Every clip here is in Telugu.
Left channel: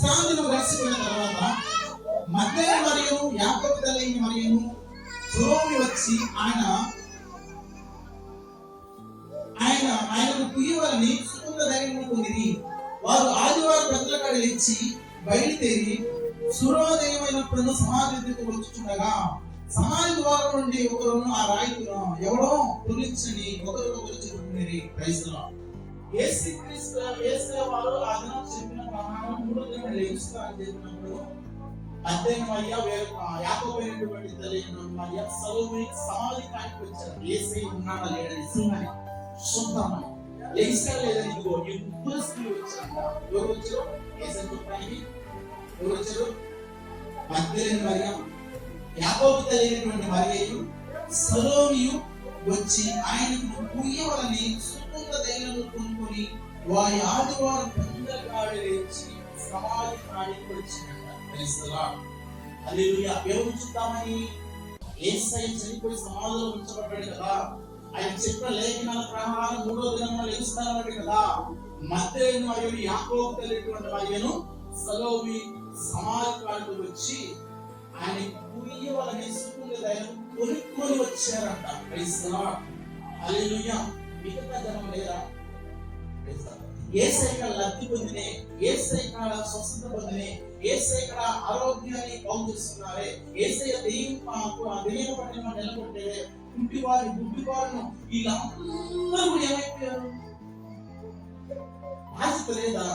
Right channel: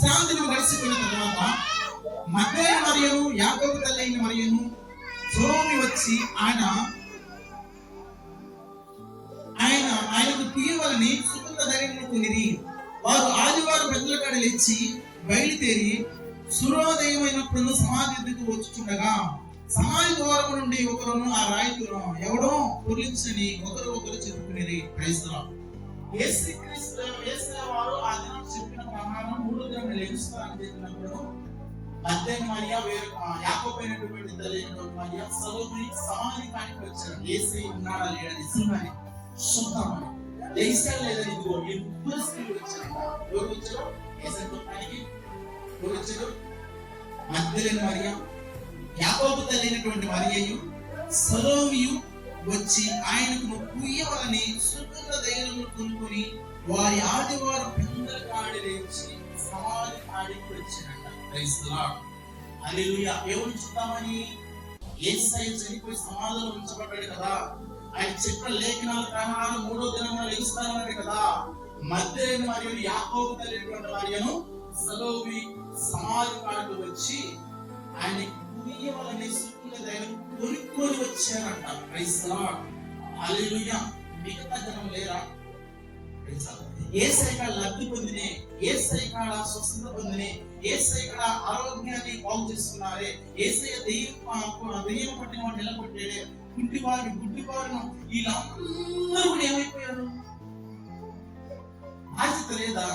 విశ్రాంతిని గడిచిపోయిన తర్వాత మగ్దలేనే మరియను యాకోబు తల్లి అయిన మరియను సలోమి వచ్చి ఆయనకు తీయవలని సుగంధ ధైర్యము పొందిరి. వారు ఆదివారం పెద్దల కాడ లేచి బయలుదేరి సూర్యోదయమైనప్పుడు సమాధి ఎదుకు వచ్చుచుండగా సమాధి ద్వారం నుండి ఒకరును ఆ రాయితును ఎవడో పొర్లించని ఒకరు చెప్పుకునేది. Praise the lord. యేసు వారు ఆ దినం చెప్పిన ప్రమాణం 3వ దినం లేస్తారని చెప్పినప్పుడు మగ్దలేనే మరియ యాకోబు అయినటువంటి తల్లి అయినటువంటి మరియ సలోమి సమాధి కాడికి వచ్చారు. యేసే ఉన్నాడా లేడని నిజంగానే చూద్దామని లేచాడా లేదని ఇదిగో ఇద్దరు స్త్రీలు వచ్చారంట. ఎవరు వచ్చారు? యేసే చూడటానికి ఎవరు వచ్చారు? మగ్దలేనే మరియ యాకోబు తల్లి అయినటువంటి మరియయు సలోమియు వచ్చి ఆయనకు పూయవలని సుగంధ ధైర్యము కొనుక్కొని వారి ఆదివారం పెద్దల కాడ లేచి సమాధి కాడికి వచ్చినట్ట. Praise the Lord. హల్లెలూయా. ఎవరు చూద్దామని? యేసయ్య చనిపోయి సమాధిలో ఉంచబడ్డాడు కదా, ఆయన చెప్పిన లేఖనాల ప్రకారం 3వ దినంలో లేస్తానన్నాడు కదా. మగ్దలేనే మరియు యాకోబు తల్లిటువంటి మరియను సలోమి సమాధి కాడికి వచ్చి ఆయన పూయవలని సుగంధ ధైర్యం కొనుక్కొని వచ్చారంట. Praise the Lord. హల్లెలూయా. మిగతా జనం లేరా? యేసయ్య కాడ లబ్ధి పొందినే, యేసయ్య కాడ స్వస్థత పొందినే, యేసయ్య కాడ ఆరోగ్యాన్ని బాగు చేస్తున్నారే, యేసయ్య దెయ్యం పట్టిన వాడు నిలబొట్టాడే, గుడ్డివాడిని వీళ్ళందరూ కూడా ఏమైపోయారు? బాధ్యత లేదా?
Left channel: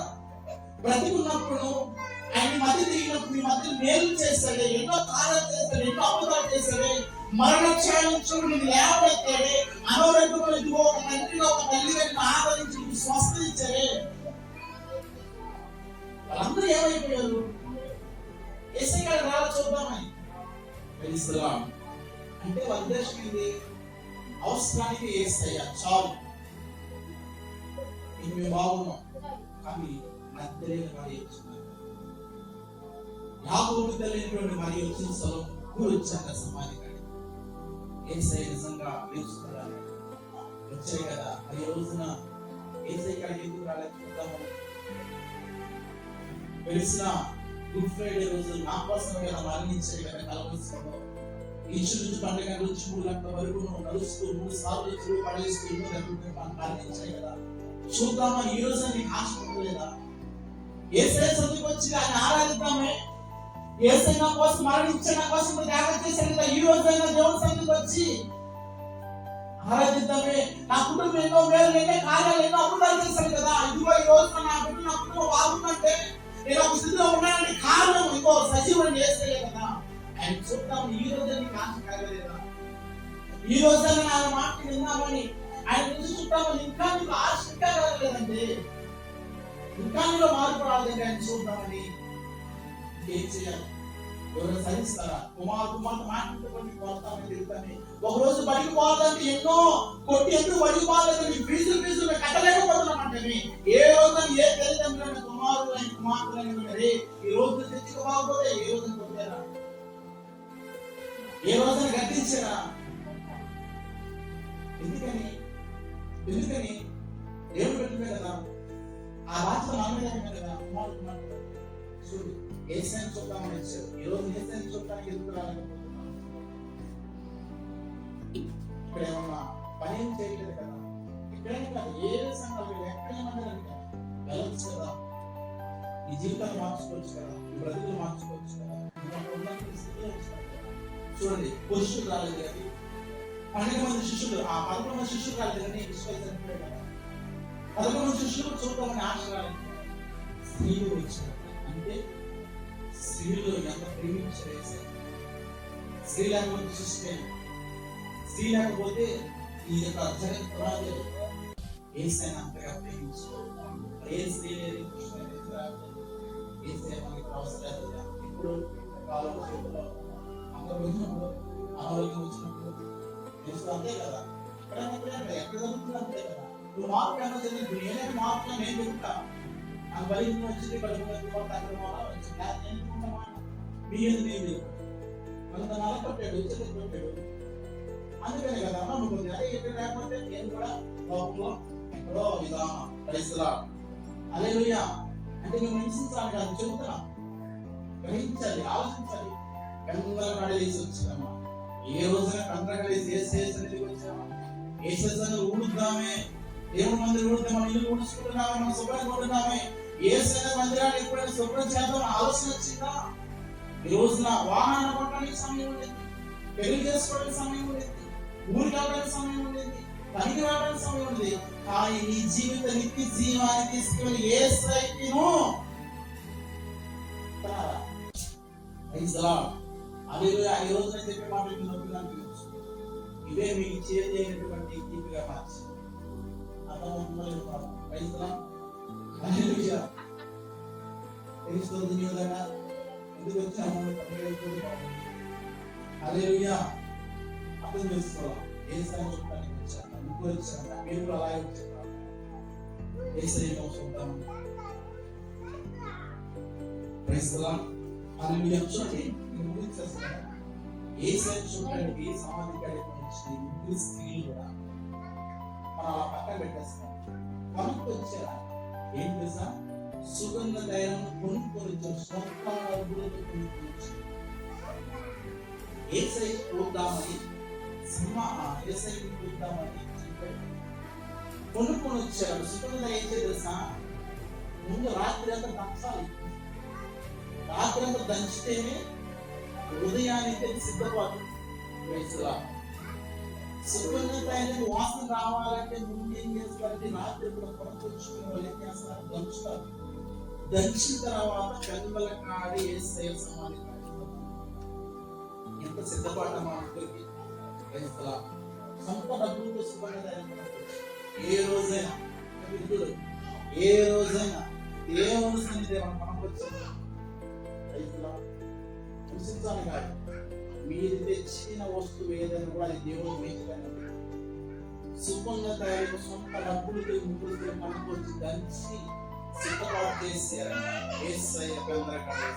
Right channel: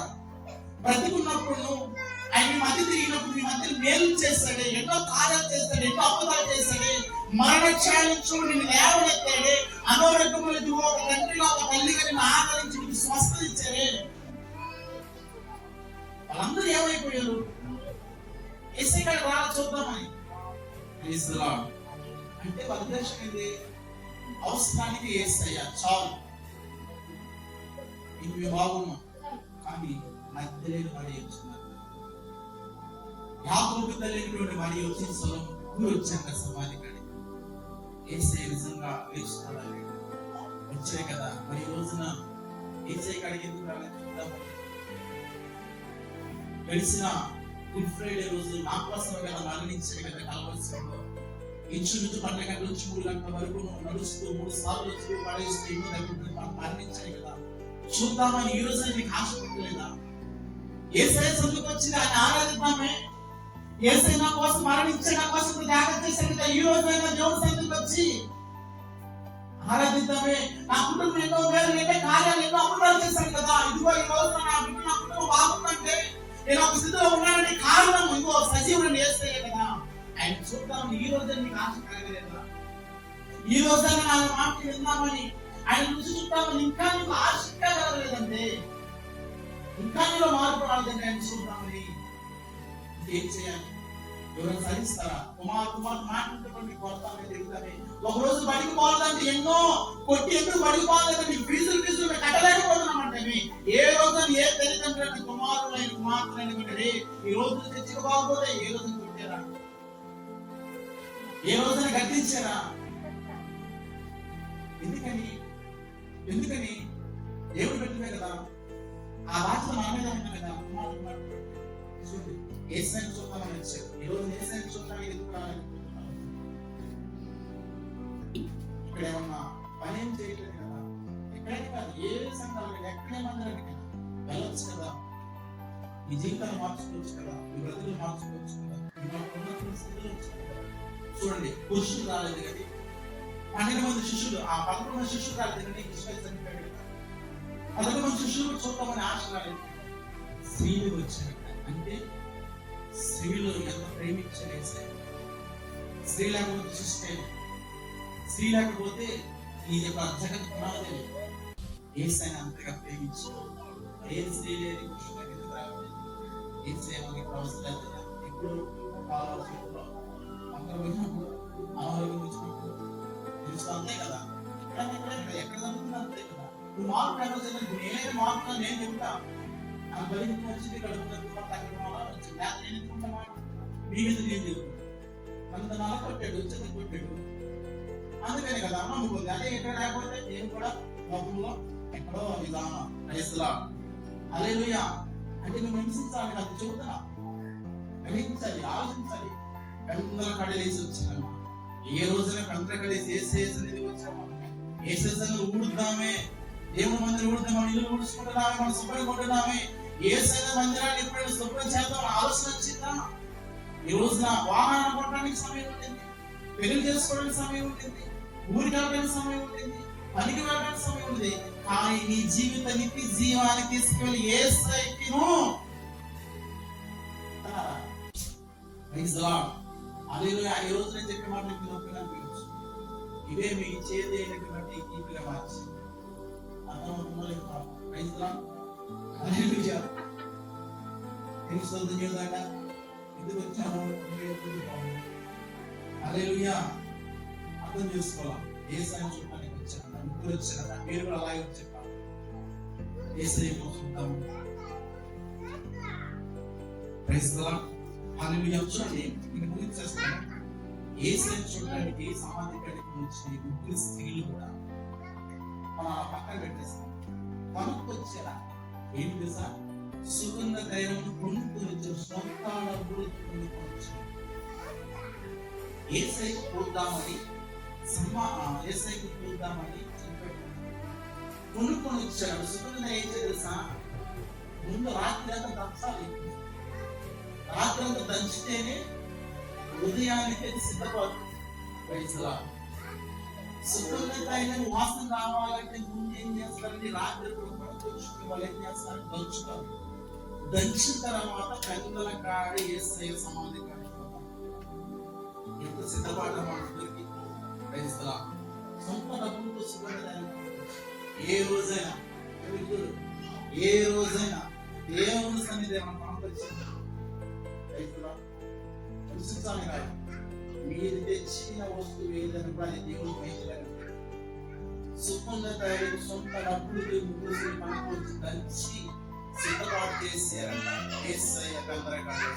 బ్రతుకున్నప్పుడు ఆయన మీ మధ్య తిరిగినప్పుడు మీ మధ్య మేలు చేస్తాడే, ఎన్నో కార్యాలు చేస్తాడే, ఎన్నో అద్భుతాలు చేస్తాడే, మరణ ఛాయలు నిన్ను లేవనెత్తాడే, అనారోగ్యమైన ఒక తండ్రిలో ఒక తల్లిగా నిన్ను ఆదరించి నీకు స్వస్థత ఇచ్చారే. వాళ్ళందరూ ఏమైపోయారు? యేసయ్య కాడ రా చూద్దామని. Praise the lord. అంటే వాళ్ళ ఉద్దేశం ఏంటి? అవసరానికి యేసయ్య చాలు, ఇది మేము బాగున్నాం. కానీ మగ్దలేనే మరియ వచ్చినారు, యాకోబు తల్లిటువంటి మరియ వచ్చి సలోమి వచ్చాక సమాధి కాడికి. యేసయ్య నిజంగా లేచుతాడని వచ్చాయి కదా. మరి రోజున యేసయ్య కాడికి ఎందుకు రాలేదు? గడిచిన గుడ్ ఫ్రైడే రోజు నా కోసమే కదా మరణించాడు కదా కలవరిలో. ఇంచుమించు 12 గంటల నుంచి 3 గంటల వరకు నడుస్తూ 3 సార్లు వచ్చి పడేస్తూ ఎన్నో దగ్గర మరణించాడు కదా. చూద్దామా ఈ రోజు నీకు ఆశ పెట్టలేదా? యేసయ్య సన్నిధికి వచ్చి ఆయన ఆరాధిద్దామే. యేసయ్య నా కోసం మరణించాడు, నా కోసం త్యాగం చేశాడు కదా. ఈ రోజు అయినా దేవుడి సన్నిధికి వచ్చి ఆరాధిద్దామే. నా కుటుంబం ఎన్నో మేలు, ఎన్నో కార్యాలు, ఎన్నో అద్భుతాలు చేశాడు కదా. ఇదిగో ఈ రోజు నా కుటుంబం బాగుందంటే నేను ఒక స్థితిలో ఉన్నానని కారణం ఇదిగో సజీవుని యేసయ్య కదా. ఆయన చూద్దామని ఈ రోజు నీకు ఆశ కలగలేదా? ఈ రోజైనా నా మాట విందామని ఆయన నుంచి చూద్దామని ఇంకా నీకు ఆశ ఇంకా కలగలేదంటే, ఇంకా నీలో మార్పు రాలేదంటే ఆయన చూద్దామని ఏం చేయాలి? ఎవరైనా సహిస్తారా? కుమార్తె మాట్లాడుతుంటే కొడతామని తిరుగుతామే. ఒక రోజు బడికి పోవాలంటే ఎన్నో కొట్టి ఎందుకు బడికి పోవాలంటే మీకు ఫీజులు కట్టలేకపోతున్నామంటే ఏ రోజు ఏ తల్లిదండ్రులైన కుమారులైన కుమార్తెలైన మీరే ఈ రోజు తెచ్చుకోకపోతే ఏ రోజు కొట్టారా? ఏ రోజున గట్టించారా? ఎందుకని దేవుడు పెట్టిందే కదా. ఆ బాధ్యత మన మీద ఉంది కదా. కుమారుడు చూడు, యేసయ్యను చూద్దామని వచ్చారు. ఈ రోజు యేసయ్యను చూడటానికి ఎందుకు రాలేకపోతున్నాను? ఇక్కడ ఏమన్నా పని ఏం చేయట్లేదు కదా. ఇక్కడైనా కాదు, ఏ సంఘాలు ఎక్కడేమన్నా వెళ్ళొచ్చు కదా. నీ జీవితాన్ని మార్చుకోవచ్చు కదా, నీ బ్రతుకులు మార్చుకోవచ్చు కదా. చూడండి, పురుషులు రాలేదు కానీ 12 మంది శిష్యులు, ఆ 11 మంది శిష్యులు రాలేదు కానీ చనిపోయాడు కదా. 11 మంది శిష్యులు చూద్దామని ఆశ రాలేదు, స్త్రీలు వచ్చారు. అంటే స్త్రీలు ఎంత ప్రేమించారు. స్త్రీ లేకపోతే చూస్తే, స్త్రీ లేకపోతే ఈ యొక్క జగత్ పునాది యేసయ్యను అంతగా ప్రేమించారు. ఏ స్త్రీ లేదు యేసయ్య మనకి అవసరం లేదా? ఎప్పుడు కాలం చేతిలో అందరూ వచ్చినప్పుడు, అనారోగ్యం వచ్చినప్పుడు తెలుసు, అంతే కదా. ఎక్కడ జరుగుతుంది అంతే కదా. నువ్వు మార్పు ఏమో చదివి నేనైనా మార్పు నేను చెబుతా. నాకు బలింపు వచ్చింది, కడుపు వచ్చింది, నేను ఎందుకుంటామా? మీ మీద నేను చెబుతాను. అంత నాలుగు కొట్టాడు, వచ్చేది కొట్టాడు, అందుకని కదా నమ్ముకుంది. అదే ఎక్కడ లేకపోతే నేను కూడా లోకంలో ఎక్కడో విధానం. Praise the Lord. హల్లెలూయా. అంటే మేము హింసించాలి కాదు చెబుతున్నా, గ్రహించాలి, ఆలోచించాలి. కందల కడలేసి వచ్చినామా? ఏ రోజున కందల కడలేసి ఏసేసి వచ్చామా? ఏసేసని ఊడుద్దామే, దేవుడి మందిరం ఊడుద్దాం, మన ఇల్లు ఊడ్చుకుంటున్నామే, మనం శుభ్రంగా ఉంటున్నామే, ఏసైన మందిరాన్ని ఎప్పుడైనా శుభ్రం చేద్దాం ఆలోచన వచ్చిందా? ఈ రోజున వాహనం కొట్టడానికి సమయం ఉండింది, పెళ్లి చేసుకోవడానికి సమయం ఉండింది, ఊరికి వెళ్ళడానికి సమయం ఉండింది, పనికి వెళ్ళడానికి సమయం ఉంది. కానీ నీ జీవిత నిత్య జీవానికి తీసుకెళ్ళి యేసయ్యను హల్లెలూయా. ఈ రోజు నేను చెప్పే మాటలు నొప్పిగా అనిపించవచ్చు, ఇవే మీకు చేతి అయినటువంటి కీర్తిగా మార్చి ఎందుకు వచ్చాము? హల్లెలూయా. అర్థం చేసుకోవాలా, యేసయ్యను చూడటానికి వచ్చాను, ముగ్గురు వచ్చారంట, మీరు కూడా అలాగే వచ్చారు. యేసయ్యను చూద్దాము. Praise the Lord. హల్లెలూయా. చూడండి, నేను ముగించేస్తాను. యేసయ్యను చూడటానికి సమాధి కాడికి వచ్చిన ముగ్గురు స్త్రీలు కూడా మనం అలా పక్కన పెట్టేస్తాం. కొనుక్కొచ్చారా? ఏం తెలుసా? సుగంధ తైలం కొనుక్కొని వచ్చారు, సొంత డబ్బులతో కొనుక్కొచ్చి యేసయ్యకు చూద్దామని యేసయ్యకు చూద్దామని కొనుక్కొని వచ్చాడు. సుగంధ ఏం తెలుసా? ముందు రాత్రి అంతా దంచాలి, రాత్రి అంతా దంచితేనే ఉదయానికి సిద్ధపడు. సుగంధ తైలం వాసన రావాలంటే ముందు ఏం చేస్తారంటే రాత్రి కొనుక్కొచ్చుకునే వాళ్ళు ఏం చేస్తారు? దంచుతారు. దంచిన తర్వాత కందల కాడి యేసయ్య సమాధి కాడి ఎంత సిద్ధపడ్డా మా అందరికి. సొంత డబ్బులతో సుగంధ ఏ రోజైనా దేవుని సన్నిధి కనిపించాలి కాదు, మీరు తెచ్చిన వస్తువు ఏదైనా కూడా అది దేవుడు మేలుగానే సుగంధ తయారు సొంత డబ్బులతో ముగ్గురు పనికొచ్చి దంచి సిద్ధపాటు చేశారంట. యేసయ్య కందల కాడి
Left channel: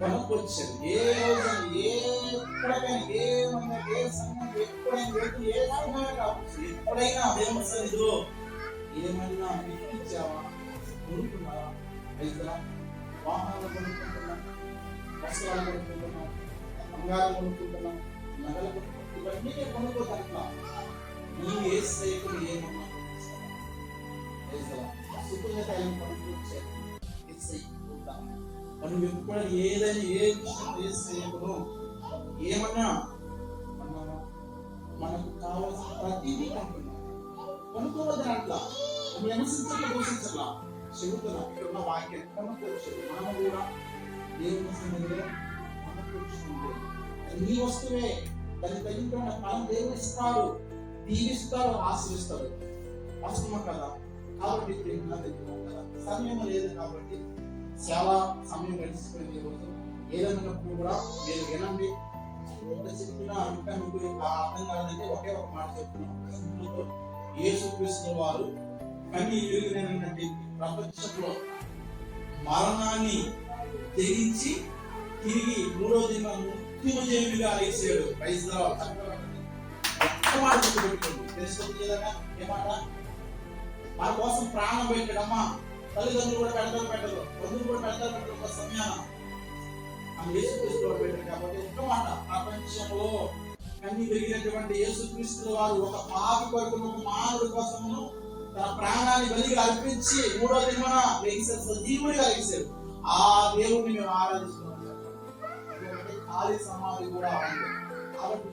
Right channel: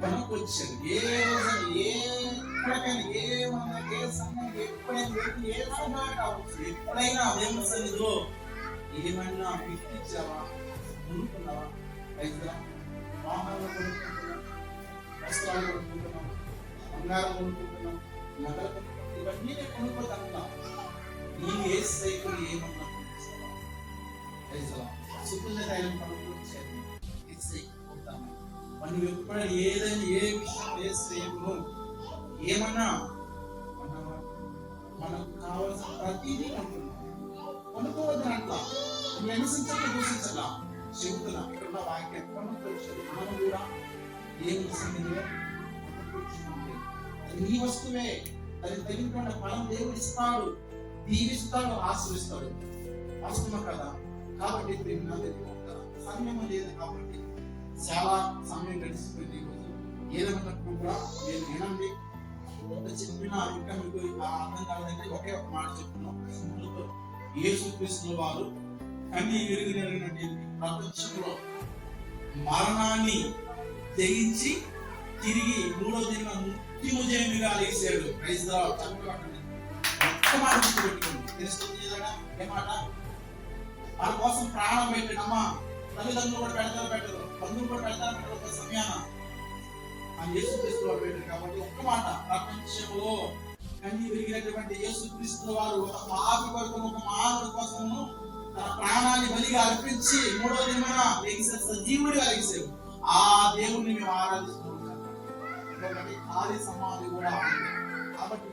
కొనుక్కొచ్చారు. ఏ రోజున ఎక్కడికైనా, ఏ మందికి, ఏ సమయం, ఎప్పుడైనా వెళ్ళి ఏ సమయం కావచ్చు, ఎప్పుడైనా దేవుని సన్నిధిలో ఏమైనా గిఫ్ట్ ఇచ్చావా? కొనుక్కున్నావా? రైతులా వాహనాలు కొనుక్కుంటున్నాం, వస్త్రాలు కొనుక్కుంటున్నాం, బంగారం కొనుక్కుంటున్నాం, నగలు కొనుక్కుంటున్నాం, ఇవన్నీ నేను కొనుక్కోదంటున్నాం. నీ యేసయ్యకు ఏమన్నా కొనుక్కొచ్చావా? రైతులా సుగంధ తైలం కొనుక్కొచ్చారు, యేసయ్యకు చూద్దాము. మనం ఎప్పుడైనా ఏదైనా ఏ విషయం యేసయ్యను ఏమన్నా మనకు కావాల్సిన ప్రతిదీ కొంటున్నాం, కొనుక్కోవద్దని అట్లా నువ్వు హింసించట్లా, దూషించట్లా, చెబుతున్నా. ఇక్కడున్న వాక్యం కొనుక్కొచ్చారు. మనం కూడా దేవుని సన్నిధిలో కొనుక్కొచ్చుకుంటే నీ వస్తువే, దానికి తగిన ఫలం దేవుడు ఇస్తాడు, దీవిస్తాడు, ఆశీర్వదిస్తాడు. వాస్తవం కదా. కాబట్టి సమయం లేదు కాబట్టి చాలా సమయం గడిచిపోయింది. ఏదైనప్పుడు కూడా మీరు వినండి. ఎంత చెప్పినా ఇంకా మీకు అర్థం కాదంటే ఒకే ఒక మాట చెప్తున్నాం. యేసుక్రీస్తు వారు కన్ని విరిగినటువంటి ప్రపంచంలో మరణాన్ని తెగించి తిరిగి మూడో దిన మృత్యుజయమిగా లేచాడు. Praise the lord. ఒక్క మాట గుర్తుపెట్టుకోండి, తెలుస్తుంది కదా ఏమాట? మన కోసం ప్రాణం పెట్టడమ్మా. తల్లిదండ్రులు కూడా పెట్టరు, బంధువులు కూడా పెట్టరు. ఒక సమయాన ఆ యేసుక్రీస్తు వారు పెట్టారు. కాబట్టి ఒక్క మాట, ప్రపంచంలో కన్ని పెరిగినటువంటి యేసుక్రీస్తు వారు ఒక పాపి కొరకు, ఒక మానవుడి కోసము తన ప్రాణాన్ని బలిగా అర్పించి మూడో దినమున లేచారు, సజీవుడిగా లేచారు. ఆ దేవుడిని మేము ఆరాధిస్తున్నాం. ఖాళీ సమాధి కూడా ఉంది. కాబట్టి